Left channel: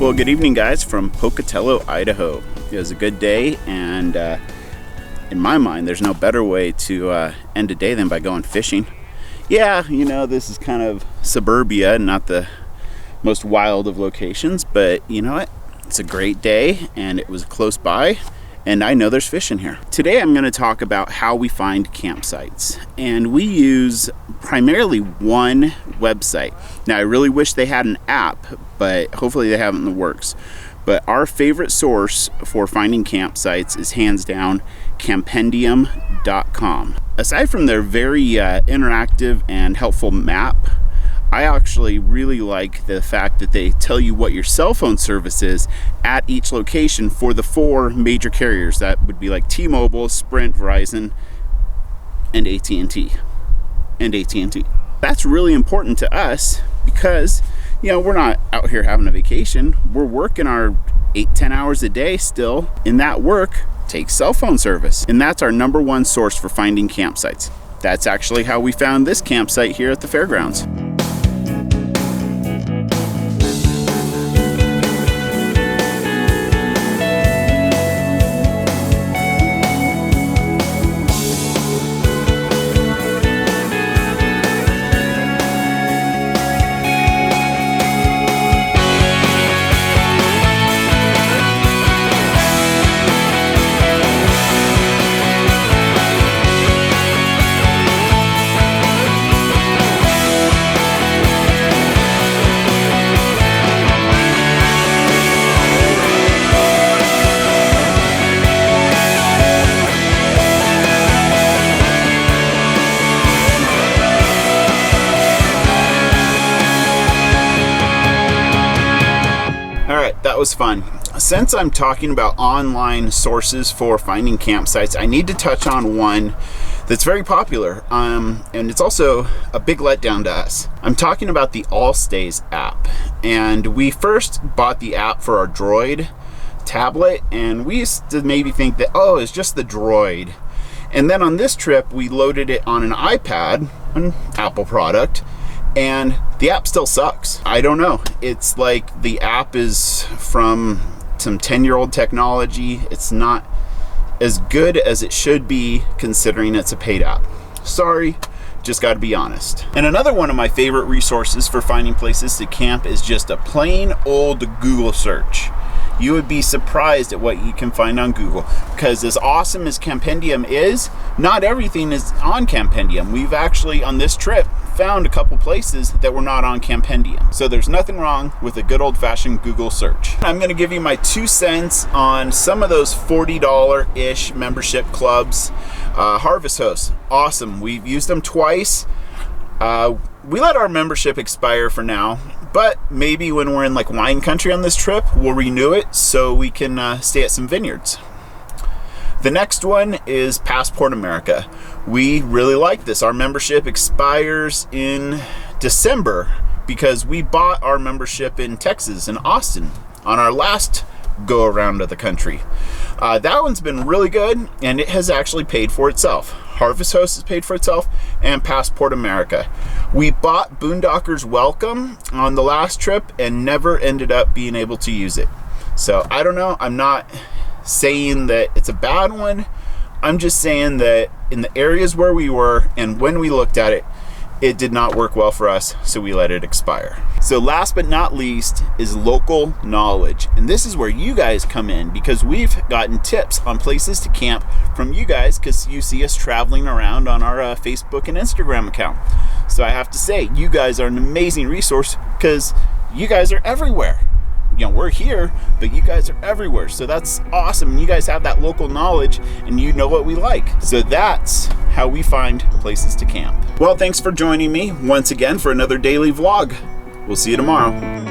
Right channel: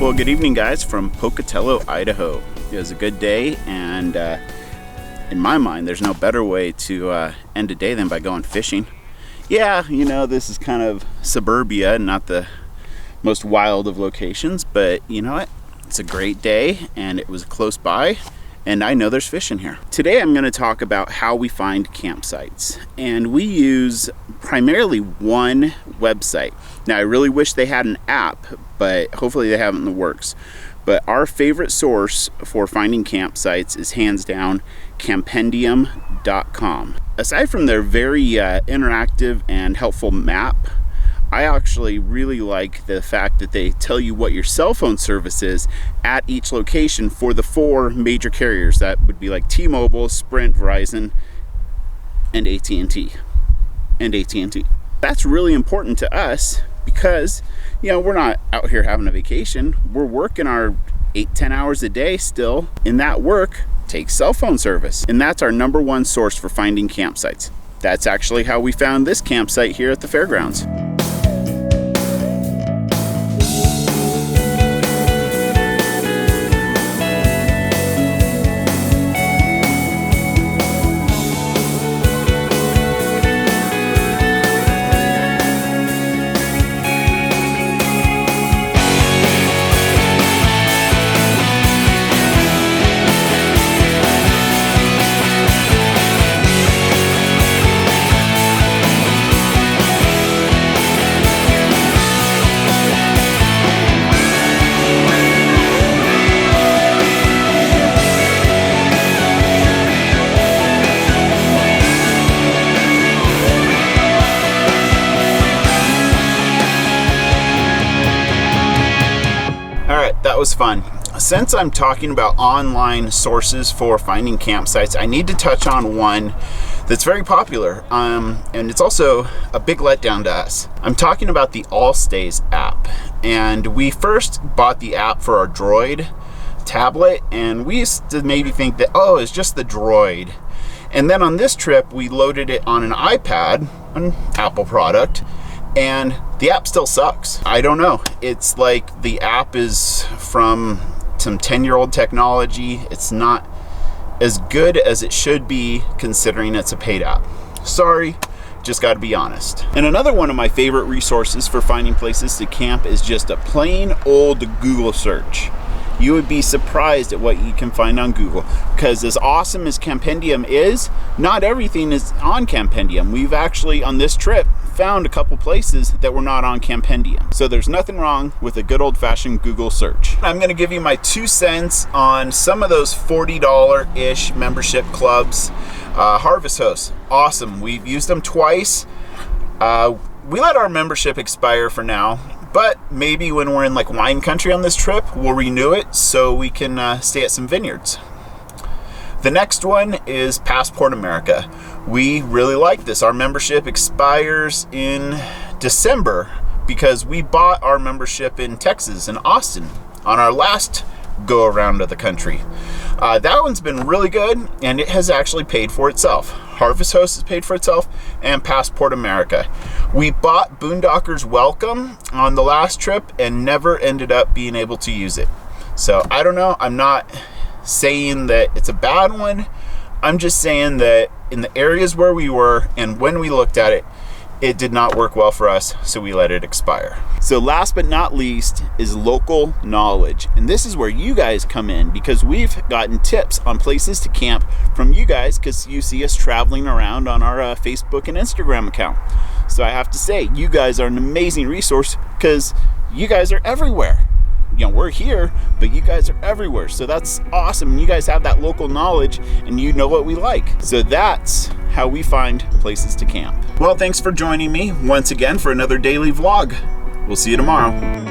Well, good evening, guys, from Pocatello, Idaho. It was a good day, and in my mind, there's no better way to end a day than by going fishing. Yeah, you know, this is kind of suburbia, not the most wild of locations, but you know what? It's a great day, and it was close by, and I know there's fish in here. Today, I'm going to talk about how we find campsites, and we use primarily one website. Now, I really wish they had an app, but hopefully they have it in the works. But our favorite source for finding campsites is hands down campendium.com. Aside from their very interactive and helpful map, I actually really like the fact that they tell you what your cell phone service is at each location for the 4 major carriers. That would be like T-Mobile, Sprint, Verizon, and AT&T. That's really important to us because, you know, we're not out here having a vacation. We're working our 8-10 hours a day still, and that work takes cell phone service. And that's our number one source for finding campsites. That's actually how we found this campsite here at the fairgrounds. Alright, that was fun. Since I'm talking about online sources for finding campsites, I need to touch on one that's very popular, and it's also a big letdown to us. I'm talking about the Allstays app, and we first bought the app for our Droid tablet, and we used to maybe think that, oh, it's just the Droid. And then on this trip, we loaded it on an iPad, an Apple product, and the app still sucks. I don't know. It's like the app is from some 10-year-old technology. It's not as good as it should be considering it's a paid app. Sorry, just got to be honest. And another one of my favorite resources for finding places to camp is just a plain old Google search. You would be surprised at what you can find on Google, because as awesome as Campendium is, not everything is on Campendium. We've actually, on this trip, found a couple places that were not on Campendium. So there's nothing wrong with a good old-fashioned Google search. I'm going to give you my 2 cents on some of those $40-ish membership clubs. Harvest Hosts, awesome. We've used them twice. We let our membership expire for now, but maybe when we're in like wine country on this trip, we'll renew it so we can stay at some vineyards. The next one is Passport America. We really like this. Our membership expires in December because we bought our membership in Texas, in Austin, on our last go around of the country. That one's been really good, and it has actually paid for itself. Harvest Host has paid for itself, and Passport America. We bought Boondockers Welcome on the last trip and never ended up being able to use it. So I don't know. I'm not saying that it's a bad one. I'm just saying that in the areas where we were and when we looked at it, it did not work well for us, so we let it expire. So last but not least is local knowledge. And this is where you guys come in, because we've gotten tips on places to camp from you guys because you see us traveling around on our Facebook and Instagram account. So I have to say, you guys are an amazing resource because you guys are everywhere. You know, we're here, but you guys are everywhere. So that's awesome. You guys have that local knowledge and you know what we like. So that's how we find places to camp. Well, thanks for joining me once again for another daily vlog. We'll see you tomorrow.